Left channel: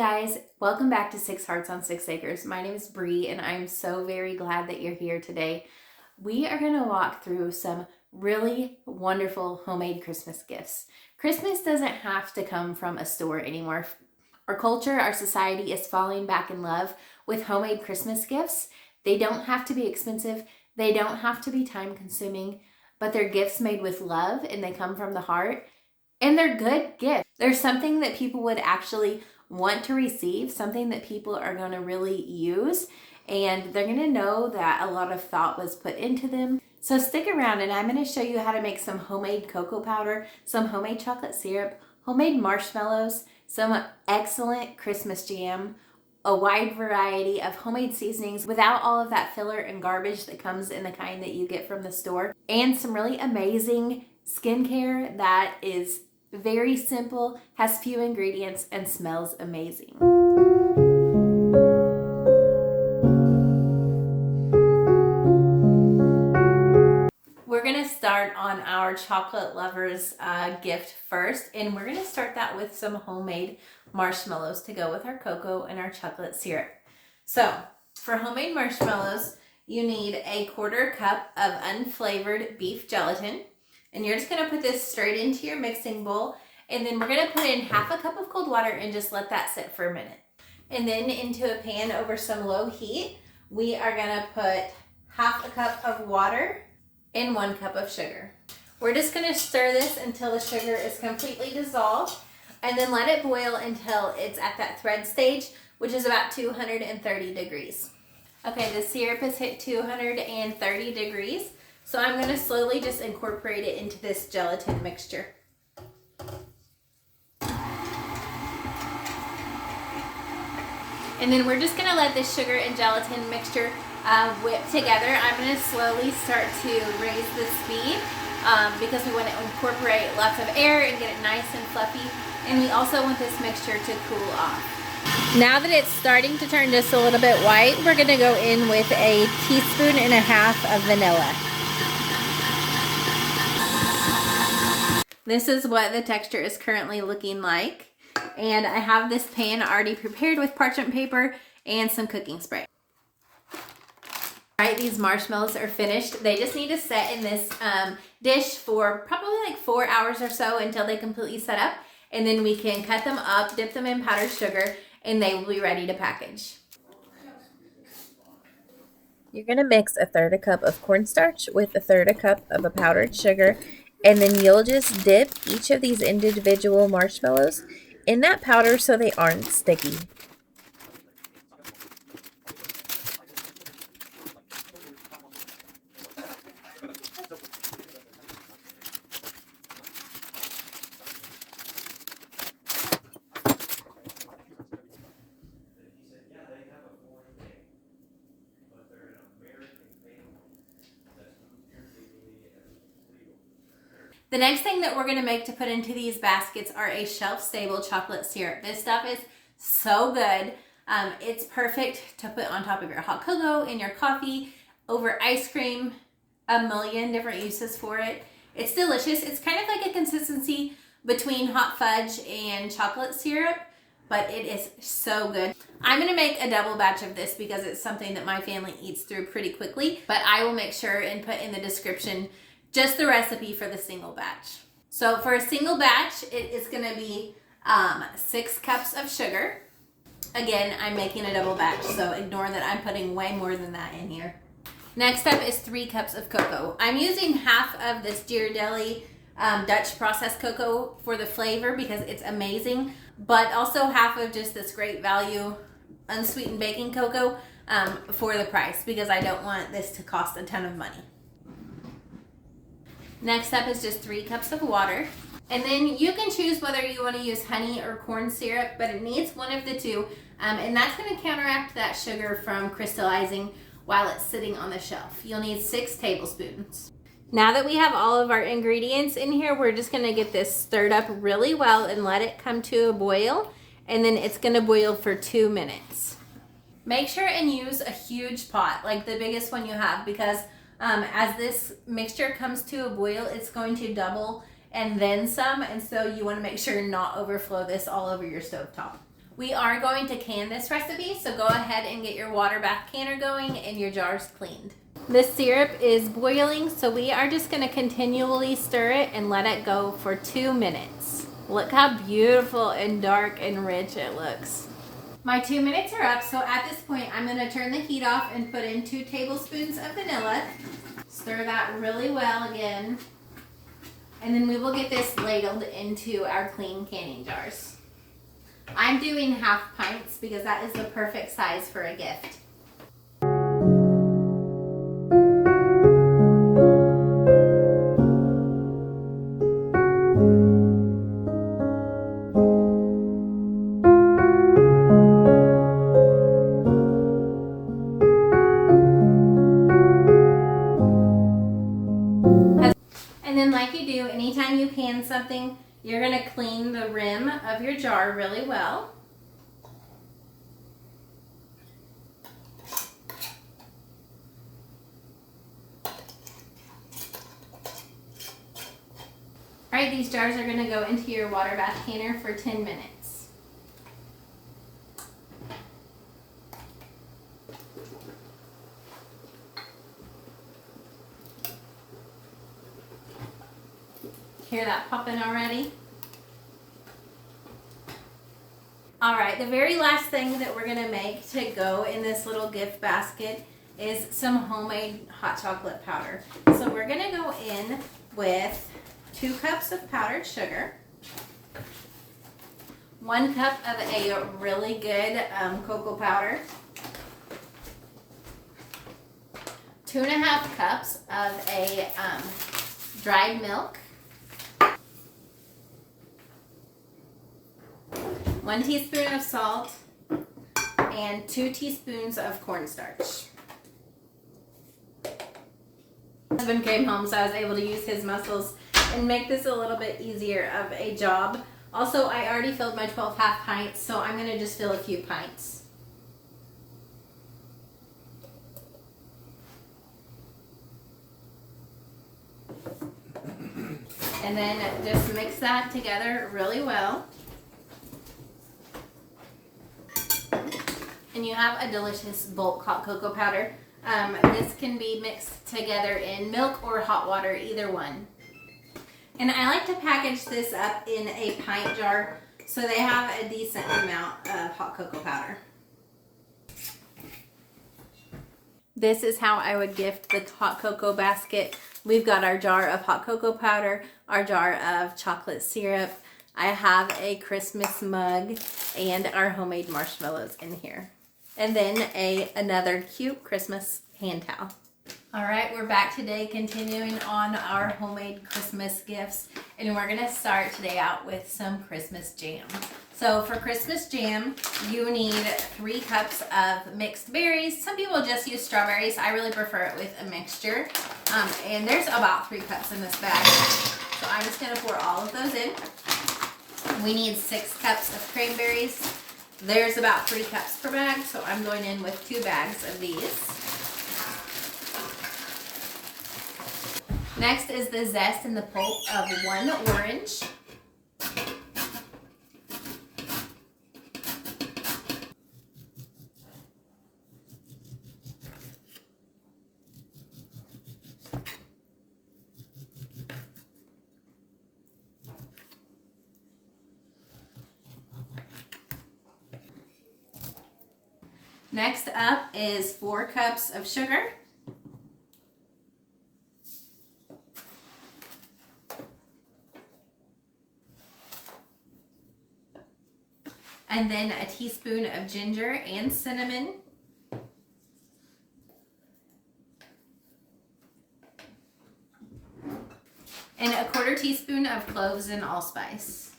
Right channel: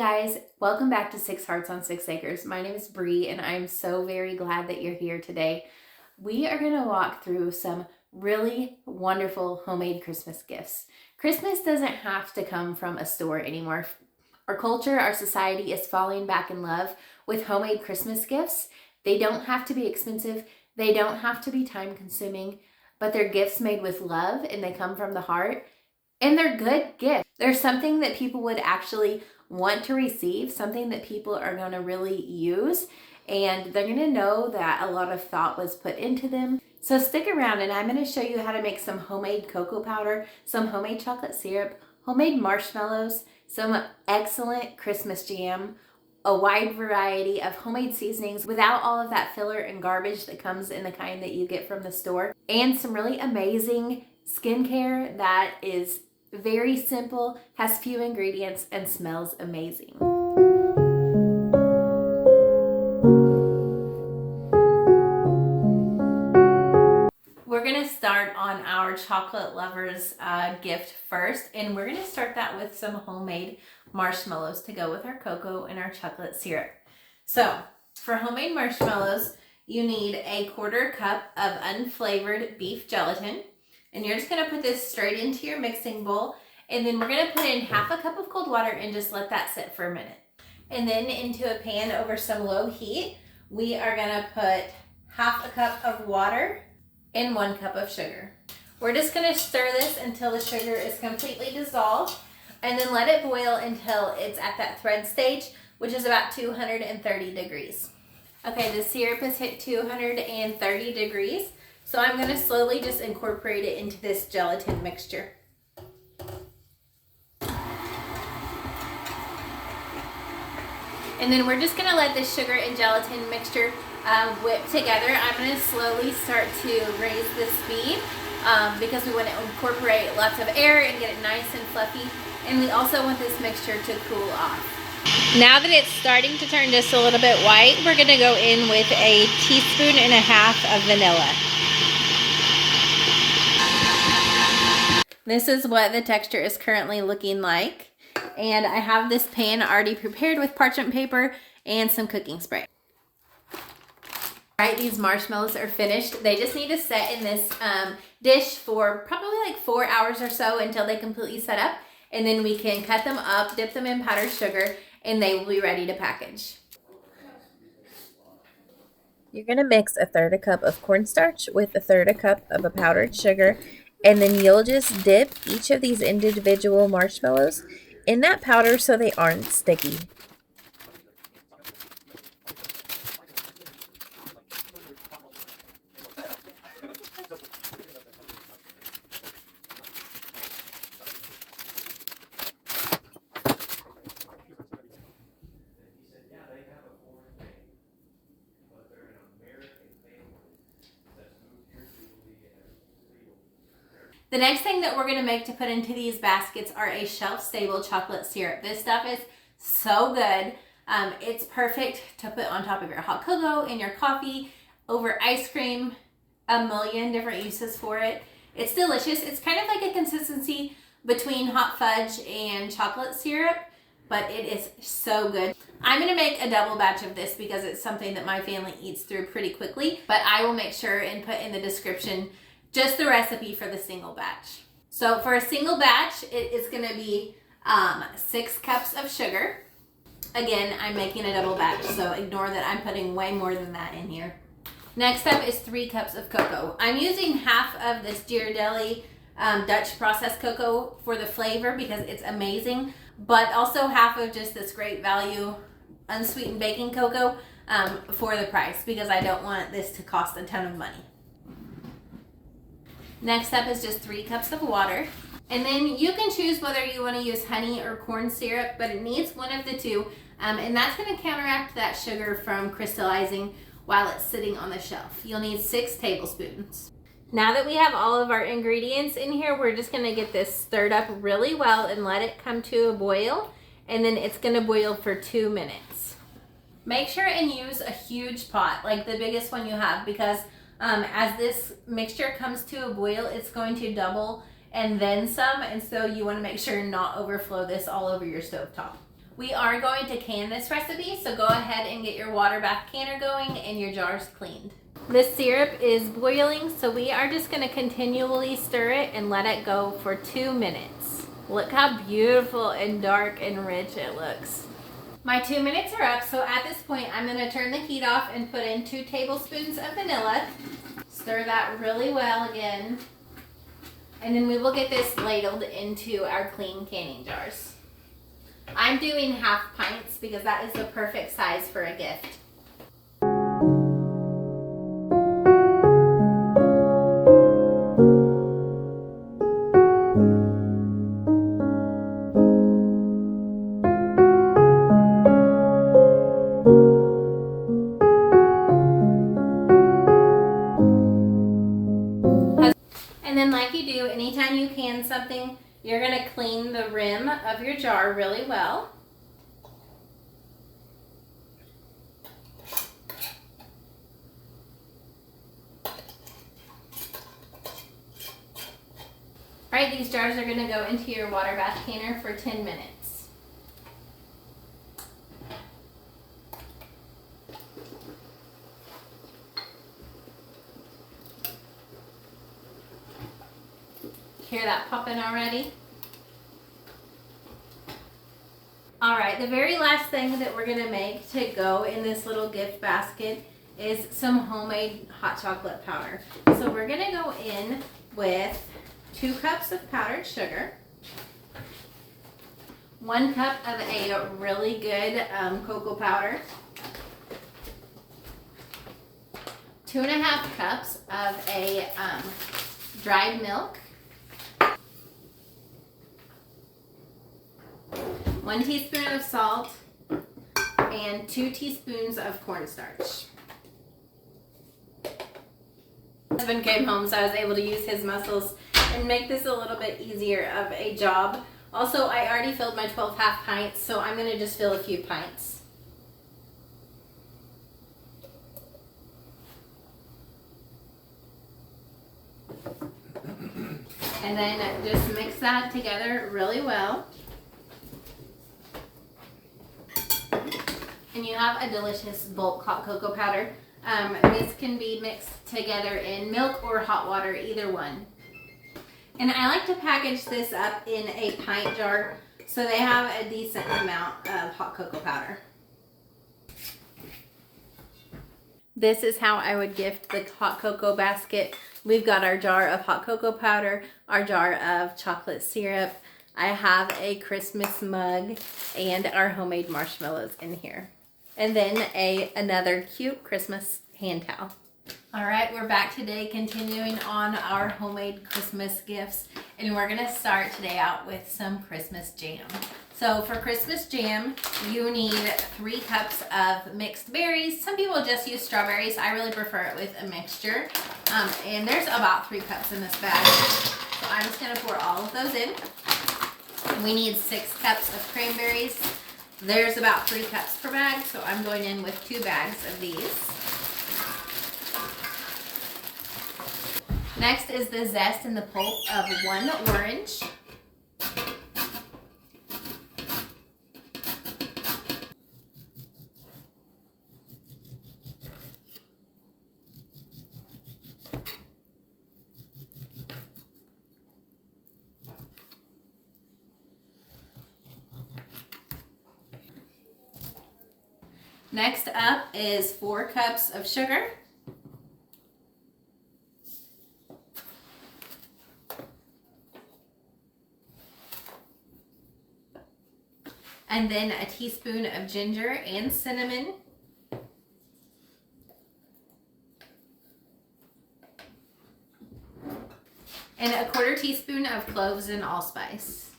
guys, welcome back to 6 Hearts on 6 Acres. My name is Bree and I'm so very glad that you're here today. We are going to walk through some really wonderful homemade Christmas gifts. Christmas doesn't have to come from a store anymore. Our culture, our society is falling back in love with homemade Christmas gifts. They don't have to be expensive. They don't have to be time consuming, but they're gifts made with love and they come from the heart. And they're good gifts. There's something that people would actually want to receive, something that people are going to really use, and they're going to know that a lot of thought was put into them. So stick around and I'm going to show you how to make some homemade cocoa powder, some homemade chocolate syrup, homemade marshmallows, some excellent Christmas jam, a wide variety of homemade seasonings without all of that filler and garbage that comes in the kind that you get from the store, and some really amazing skincare that is very simple, has few ingredients, and smells amazing. We're gonna start on our chocolate lovers gift first, and we're gonna start that with some homemade marshmallows to go with our cocoa and our chocolate syrup. So for homemade marshmallows, you need a 1/4 cup of unflavored beef gelatin. And you're just going to put this straight into your mixing bowl. And then we're going to put in 1/2 cup of cold water and just let that sit for a minute. And then into a pan over some low heat, we are going to put 1/2 cup of water and 1 cup of sugar. We're just going to stir this until the sugar is completely dissolved. And then let it boil until it's at that thread stage, which is about 230 degrees. Okay, the syrup has hit 230 degrees. So I'm going to slowly just incorporate it into this gelatin mixture. And then we're just going to let this sugar and gelatin mixture whip together. I'm going to slowly start to raise the speed because we want to incorporate lots of air and get it nice and fluffy. And we also want this mixture to cool off. Now that it's starting to turn just a little bit white, we're going to go in with a 1.5 teaspoons of vanilla. This is what the texture is currently looking like. And I have this pan already prepared with parchment paper and some cooking spray. All right, these marshmallows are finished. They just need to set in this dish for probably like 4 hours or so until they completely set up. And then we can cut them up, dip them in powdered sugar, and they will be ready to package. You're going to mix 1/3 cup of cornstarch with 1/3 cup of a powdered sugar. And then you'll just dip each of these individual marshmallows in that powder so they aren't sticky. The next thing that we're going to make to put into these baskets are a shelf-stable chocolate syrup. This stuff is so good. It's perfect to put on top of your hot cocoa, in your coffee, over ice cream, a million different uses for it. It's delicious. It's kind of like a consistency between hot fudge and chocolate syrup, but it is so good. I'm going to make a double batch of this because it's something that my family eats through pretty quickly, but I will make sure and put in the description just the recipe for the single batch. So for a single batch, it is going to be 6 cups of sugar. Again, I'm making a double batch, so ignore that I'm putting way more than that in here. Next up is 3 cups of cocoa. I'm using 1/2 of this Ghirardelli Dutch processed cocoa for the flavor because it's amazing, but also 1/2 of just this great value unsweetened baking cocoa for the price because I don't want this to cost a ton of money. Next up is just 3 cups of water. And then you can choose whether you want to use honey or corn syrup, but it needs one of the two. And that's going to counteract that sugar from crystallizing while it's sitting on the shelf. You'll need 6 tablespoons. Now that we have all of our ingredients in here, we're just going to get this stirred up really well and let it come to a boil. And then it's going to boil for 2 minutes. Make sure and use a huge pot, like the biggest one you have, because as this mixture comes to a boil, it's going to double and then some, and so you want to make sure not overflow this all over your stovetop. We are going to can this recipe, so go ahead and get your water bath canner going and your jars cleaned. The syrup is boiling, so we are just going to continually stir it and let it go for 2 minutes. Look how beautiful and dark and rich it looks. My 2 minutes are up, so at this point I'm going to turn the heat off and put in 2 tablespoons of vanilla. Stir that really well again. And then we will get this ladled into our clean canning jars. I'm doing half pints because that is the perfect size for a gift. And then like you do, anytime you can something, you're going to clean the rim of your jar really well. Alright, these jars are going to go into your water bath canner for 10 minutes. Hear that popping already? Alright, the very last thing that we're going to make to go in this little gift basket is some homemade hot chocolate powder. So we're going to go in with 2 cups of powdered sugar, 1 cup of a really good cocoa powder, 2.5 cups of a dried milk, 1 teaspoon of salt, and 2 teaspoons of cornstarch. My husband came home, so I was able to use his muscles and make this a little bit easier of a job. Also, I already filled my 12 half pints, so I'm going to just fill a few pints. And then just mix that together really well. And you have a delicious bulk hot cocoa powder. This can be mixed together in milk or hot water, either one. And I like to package this up in a pint jar so they have a decent amount of hot cocoa powder. This is how I would gift the hot cocoa basket. We've got our jar of hot cocoa powder, our jar of chocolate syrup. I have a Christmas mug and our homemade marshmallows in here. And then another cute Christmas hand towel. All right, we're back today continuing on our homemade Christmas gifts, and we're gonna start today out with some Christmas jam. So for Christmas jam, you need 3 cups of mixed berries. Some people just use strawberries. I really prefer it with a mixture. And there's about 3 cups in this bag. So I'm just gonna pour all of those in. We need 6 cups of cranberries. There's about 3 cups per bag, so I'm going in with 2 bags of these. Next is the zest and the pulp of 1 orange. Next up is 4 cups of sugar. And then a teaspoon of ginger and cinnamon. And a 1/4 teaspoon of cloves and allspice.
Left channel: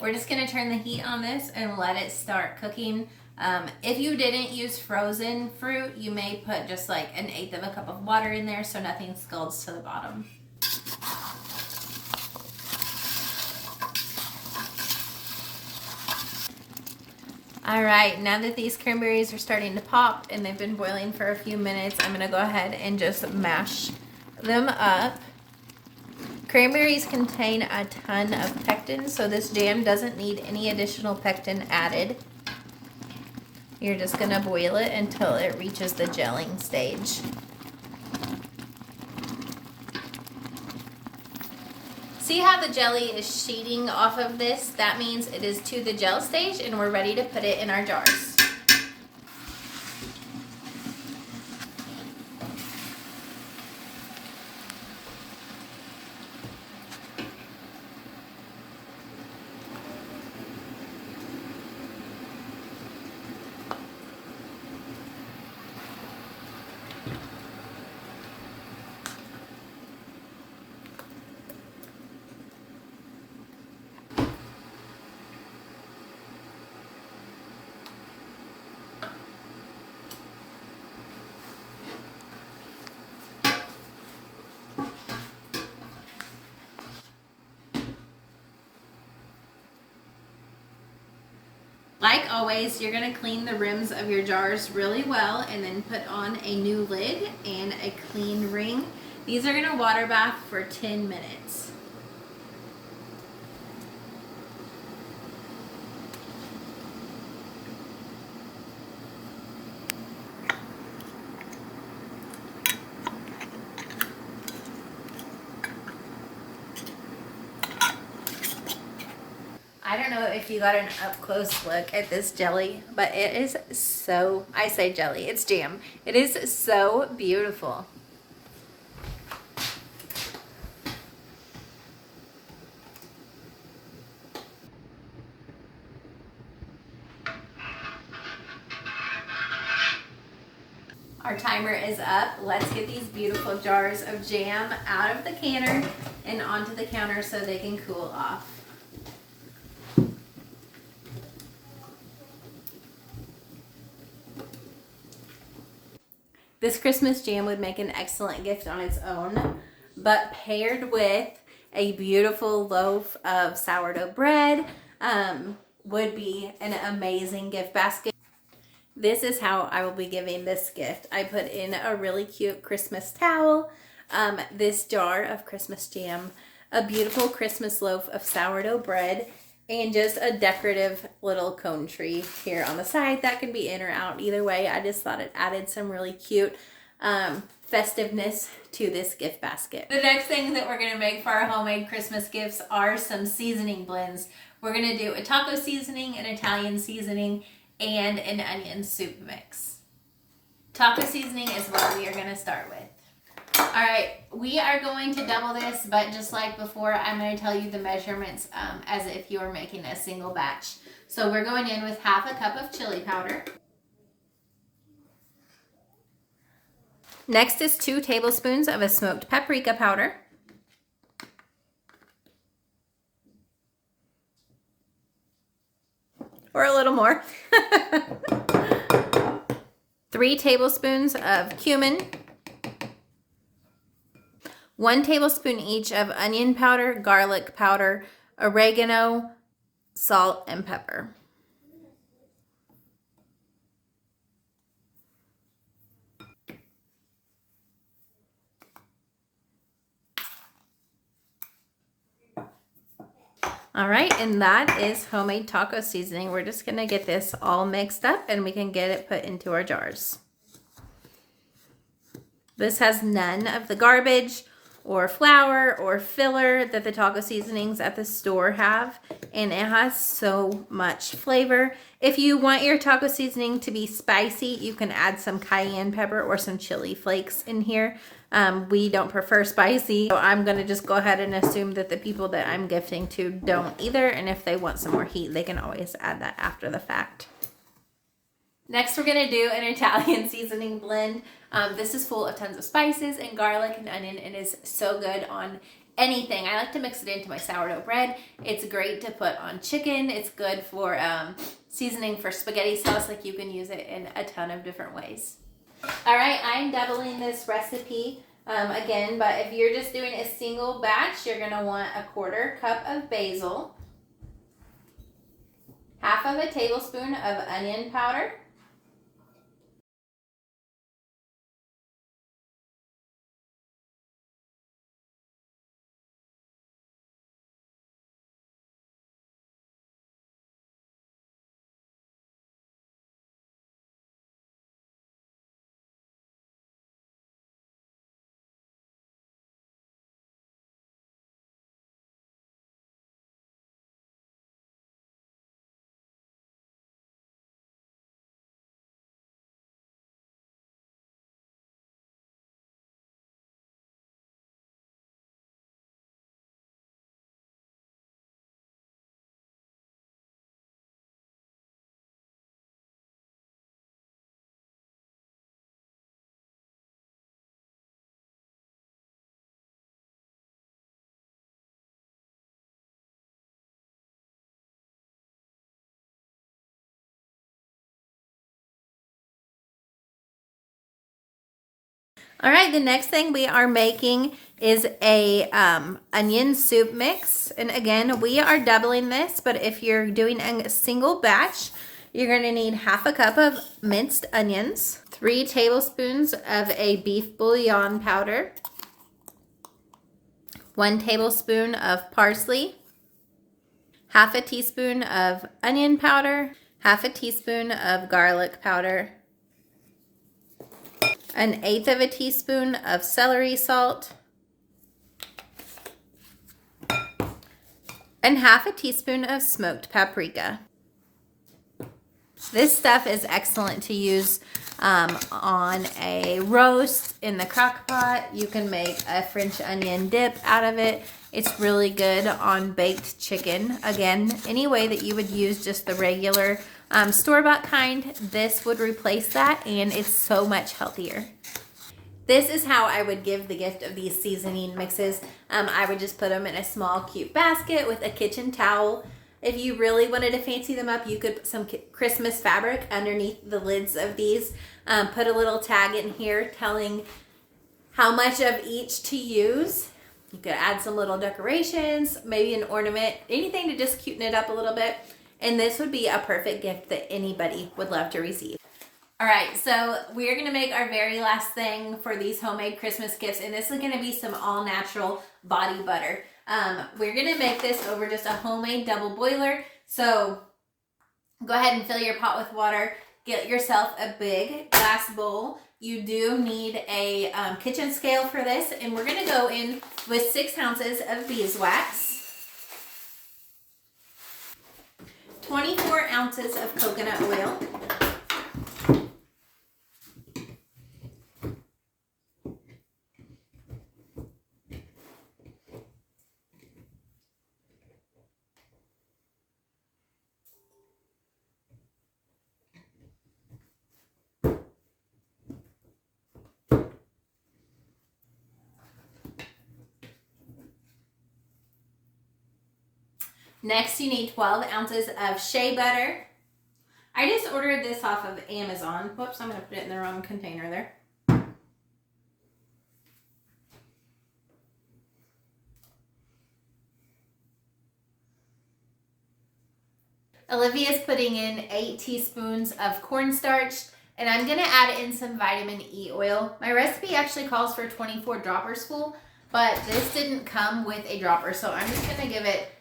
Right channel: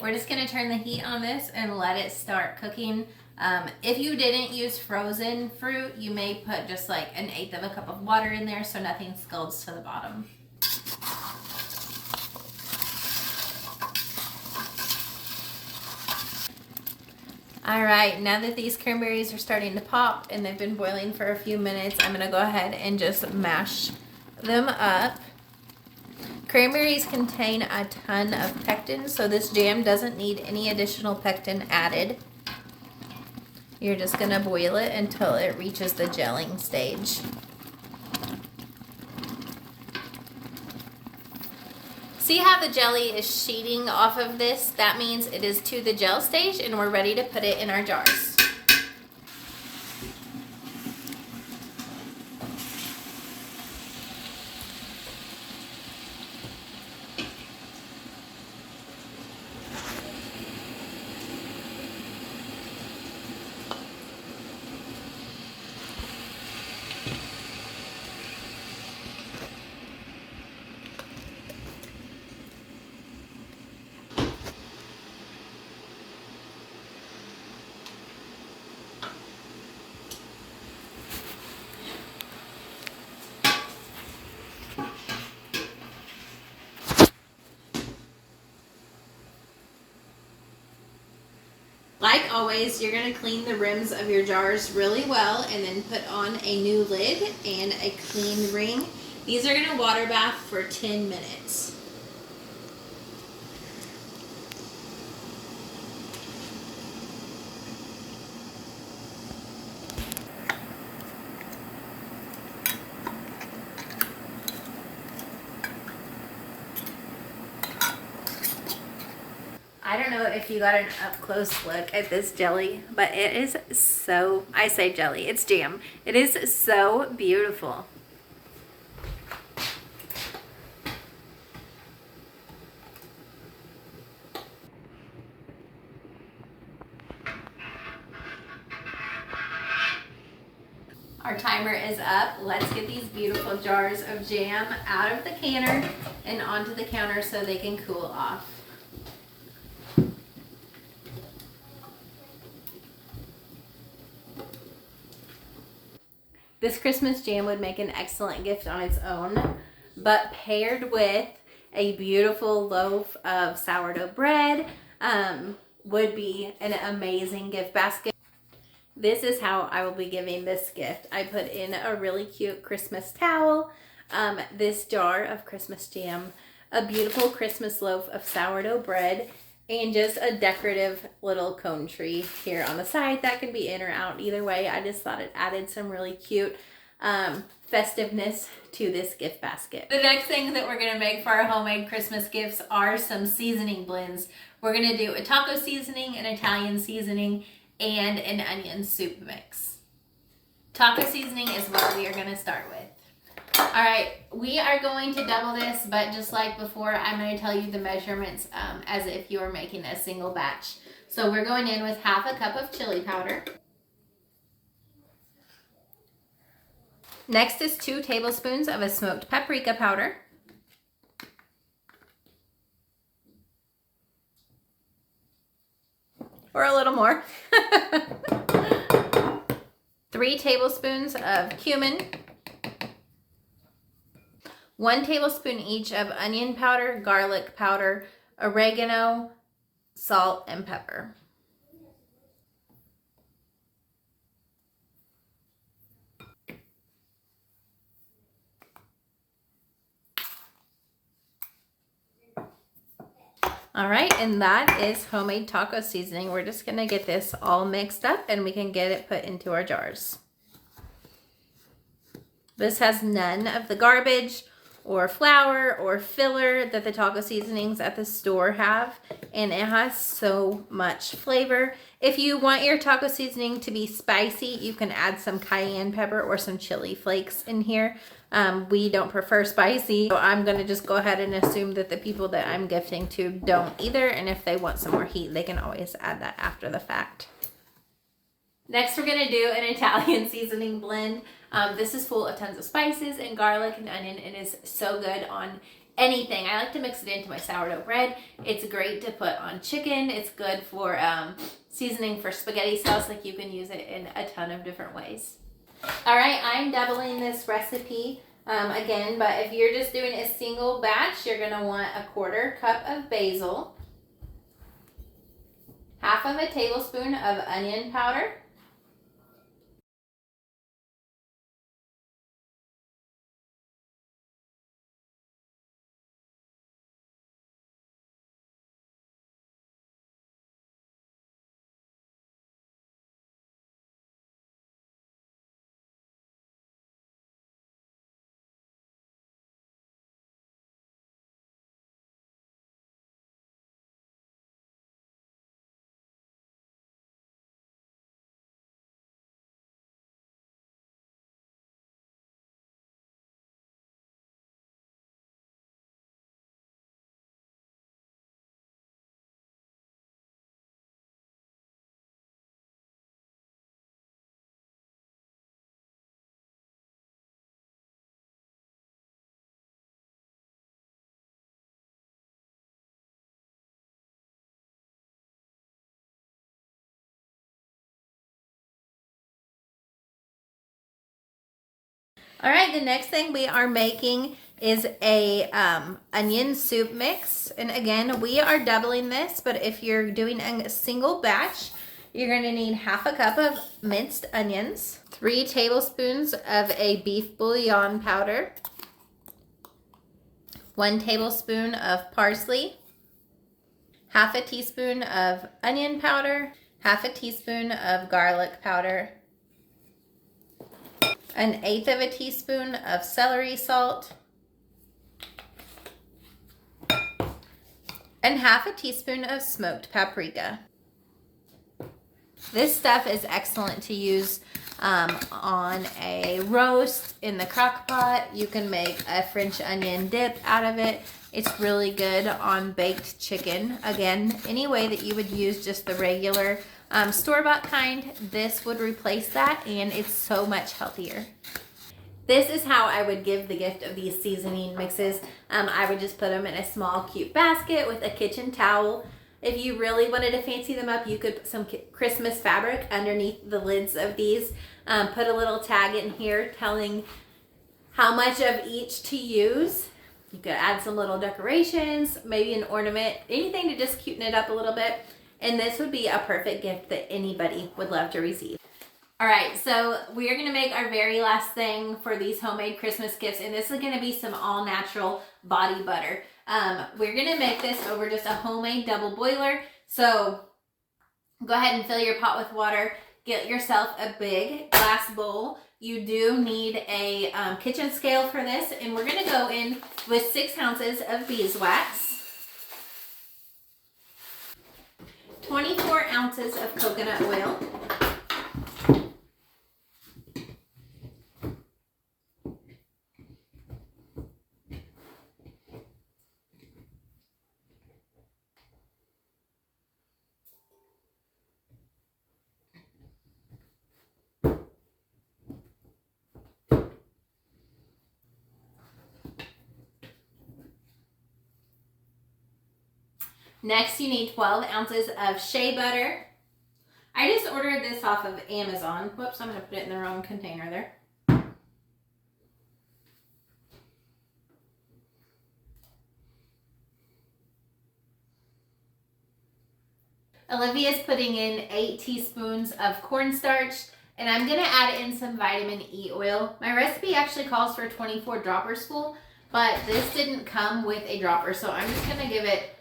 We're just going to turn the heat on this and let it start cooking. If you didn't use frozen fruit, you may put just like 1/8 of a cup of water in there so nothing scalds to the bottom. All right, now that these cranberries are starting to pop and they've been boiling for a few minutes, I'm going to go ahead and just mash them up. Cranberries contain a ton of pectin, so this jam doesn't need any additional pectin added. You're just gonna boil it until it reaches the gelling stage. See how the jelly is sheeting off of this? That means it is to the gel stage and we're ready to put it in our jars. Like always, you're going to clean the rims of your jars really well and then put on a new lid and a clean ring. These are going to water bath for 10 minutes. I don't know if you got an up-close look at this jelly, but it is so, I say jelly, it's jam. It is so beautiful. Our timer is up. Let's get these beautiful jars of jam out of the canner and onto the counter so they can cool off. This Christmas jam would make an excellent gift on its own, but paired with a beautiful loaf of sourdough bread would be an amazing gift basket. This is how I will be giving this gift. I put in a really cute Christmas towel, this jar of Christmas jam, a beautiful Christmas loaf of sourdough bread, and just a decorative little cone tree here on the side. That can be in or out either way. I just thought it added some really cute festiveness to this gift basket. The next thing that we're gonna make for our homemade Christmas gifts are some seasoning blends. We're gonna do a taco seasoning, an Italian seasoning, and an onion soup mix. Taco seasoning is what we are gonna start with. All right, we are going to double this, but just like before, I'm going to tell you the measurements as if you were making a single batch. So we're going in with half a cup of chili powder. Next is 2 tablespoons of a smoked paprika powder. Or a little more. 3 tablespoons of cumin. 1 tablespoon each of onion powder, garlic powder, oregano, salt, and pepper. All right, and that is homemade taco seasoning. We're just gonna get this all mixed up and we can get it put into our jars. This has none of the garbage or flour or filler that the taco seasonings at the store have, and it has so much flavor. If you want your taco seasoning to be spicy, you can add some cayenne pepper or some chili flakes in here. We don't prefer spicy, so I'm gonna just go ahead and assume that the people that I'm gifting to don't either, and if they want some more heat, they can always add that after the fact. Next, we're gonna do an Italian seasoning blend. This is full of tons of spices and garlic and onion and is so good on anything. I like to mix it into my sourdough bread. It's great to put on chicken. It's good for seasoning for spaghetti sauce. Like, you can use it in a ton of different ways. All right, I'm doubling this recipe again, but if you're just doing a single batch, you're gonna want a 1/4 cup of basil, half of a tablespoon of onion powder, All right, the next thing we are making is a onion soup mix. And again, we are doubling this, but if you're doing a single batch, you're gonna need half a cup of minced onions, 3 tablespoons of a beef bouillon powder, 1 tablespoon of parsley, half a teaspoon of onion powder, half a teaspoon of garlic powder, 1/8 of a teaspoon of celery salt, and half a teaspoon of smoked paprika. This stuff is excellent to use on a roast in the crock pot. You can make a French onion dip out of it. It's really good on baked chicken. Again, any way that you would use just the regular store-bought kind, this would replace that, and it's so much healthier. This is how I would give the gift of these seasoning mixes. I would just put them in a small, cute basket with a kitchen towel. If you really wanted to fancy them up, you could put some Christmas fabric underneath the lids of these. Put a little tag in here telling how much of each to use. You could add some little decorations, maybe an ornament, anything to just cuten it up a little bit. And this would be a perfect gift that anybody would love to receive. All right, so we're gonna make our very last thing for these homemade Christmas gifts, and this is gonna be some all-natural body butter. We're gonna make this over just a homemade double boiler. So go ahead and fill your pot with water. Get yourself a big glass bowl. You do need a kitchen scale for this, and we're gonna go in with 6 ounces of beeswax, 24 ounces of coconut oil, next you need 12 ounces of shea butter. I just ordered this off of Amazon. Whoops, I'm going to put it in the wrong container there. Olivia's putting in 8 teaspoons of cornstarch, and I'm going to add in some vitamin E oil. My recipe actually calls for 24 droppers full, but this didn't come with a dropper, so I'm just going to give it,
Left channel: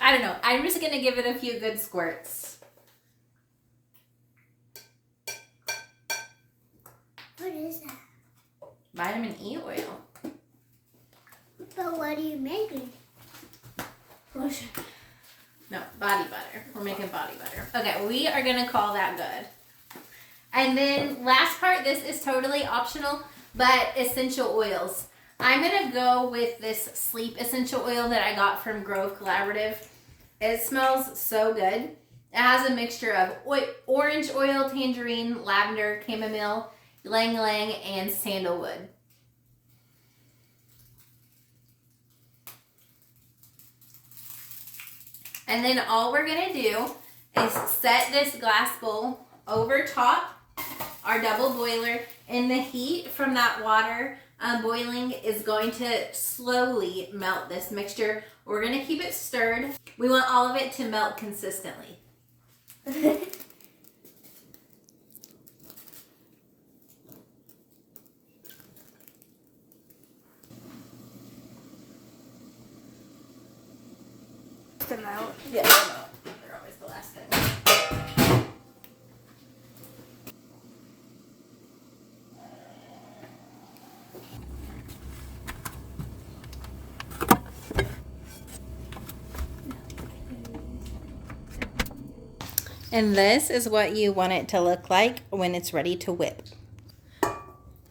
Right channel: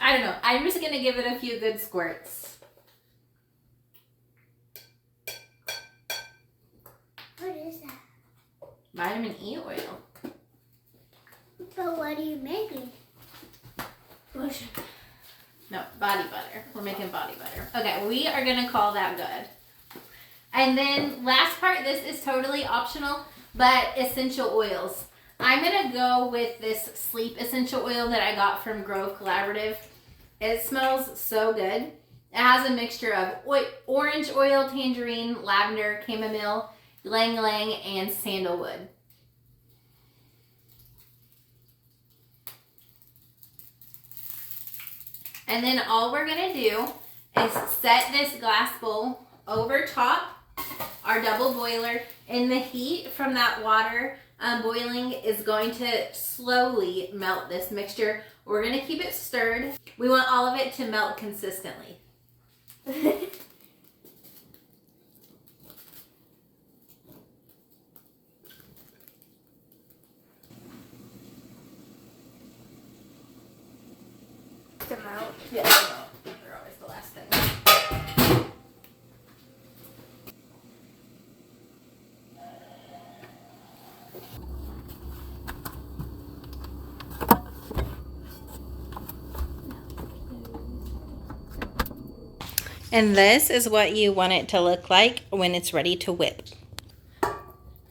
I don't know, I'm just going to give it a few good squirts. What is that? Vitamin E oil. But what are you making? No, body butter. We're making body butter. Okay, we are going to call that good. And then last part, this is totally optional, but essential oils. I'm going to go with this sleep essential oil that I got from Grove Collaborative. It smells so good. It has a mixture of orange oil, tangerine, lavender, chamomile, ylang ylang, and sandalwood. And then all we're going to do is set this glass bowl over top our double boiler, and the heat from that water boiling is going to slowly melt this mixture. We're going to keep it stirred. We want all of it to melt consistently. Yeah, they're always the last thing. And this is what you want it to look like when it's ready to whip.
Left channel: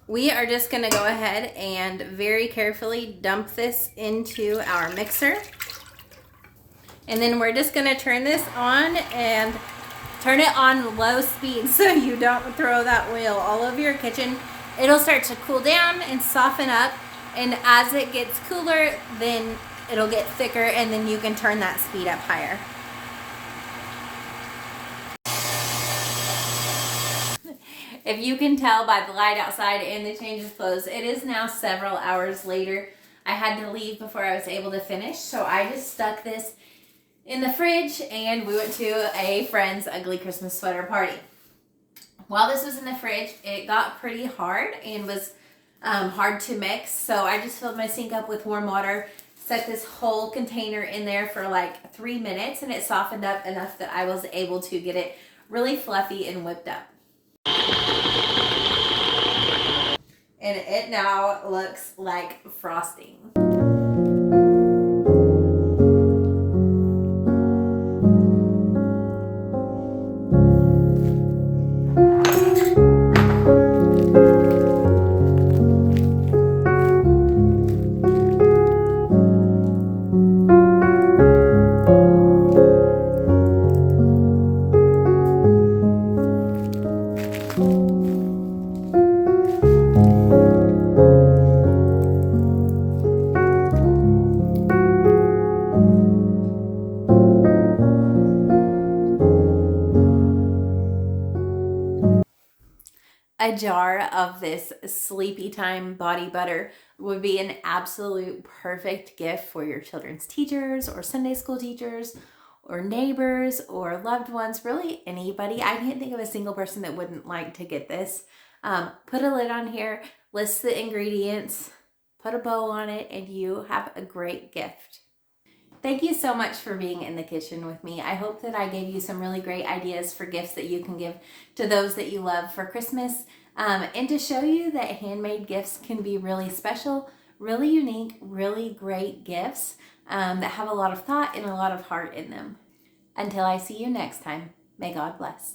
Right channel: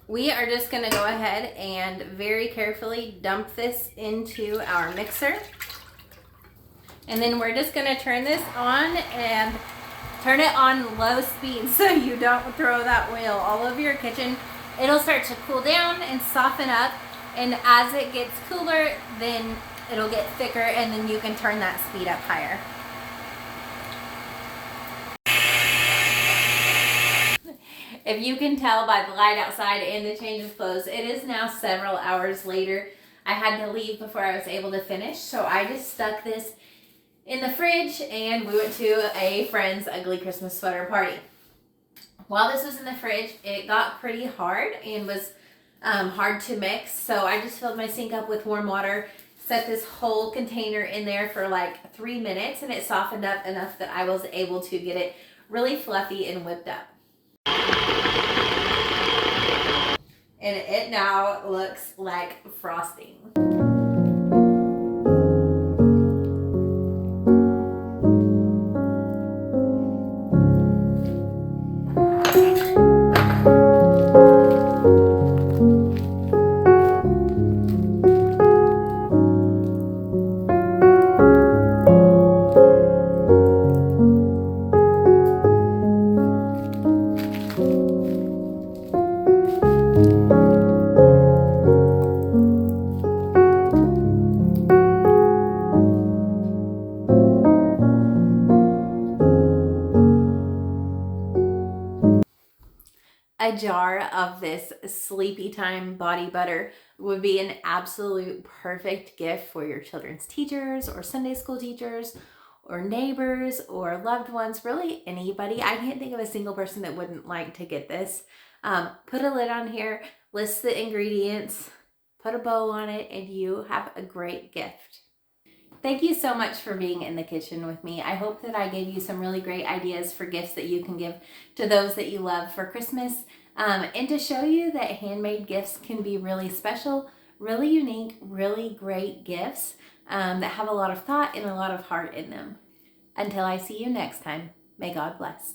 We are just going to go ahead and very carefully dump this into our mixer. And then we're just going to turn this on and turn it on low speed so you don't throw that oil all over your kitchen. It'll start to cool down and soften up. And as it gets cooler, then it'll get thicker, and then you can turn that speed up higher. If you can tell by the light outside and the change of clothes, it is now several hours later. I had to leave before I was able to finish, so I just stuck this in the fridge and we went to a friend's ugly Christmas sweater party. While this was in the fridge, it got pretty hard and was hard to mix, so I just filled my sink up with warm water, stuck this whole container in there for like 3 minutes, and it softened up enough that I was able to get it really fluffy and whipped up. And it now looks like frosting. A jar of this sleepy time body butter would be an absolute perfect gift for your children's teachers or Sunday school teachers or neighbors or loved ones, really anybody. I can't think of a single person that wouldn't like to get this. Put a lid on here, list the ingredients, put a bow on it, and you have a great gift. Thank you so much for being in the kitchen with me. I hope that I gave you some really great ideas for gifts that you can give to those that you love for Christmas, and to show you that handmade gifts can be really special, really unique, really great gifts that have a lot of thought and a lot of heart in them. Until I see you next time, may God bless.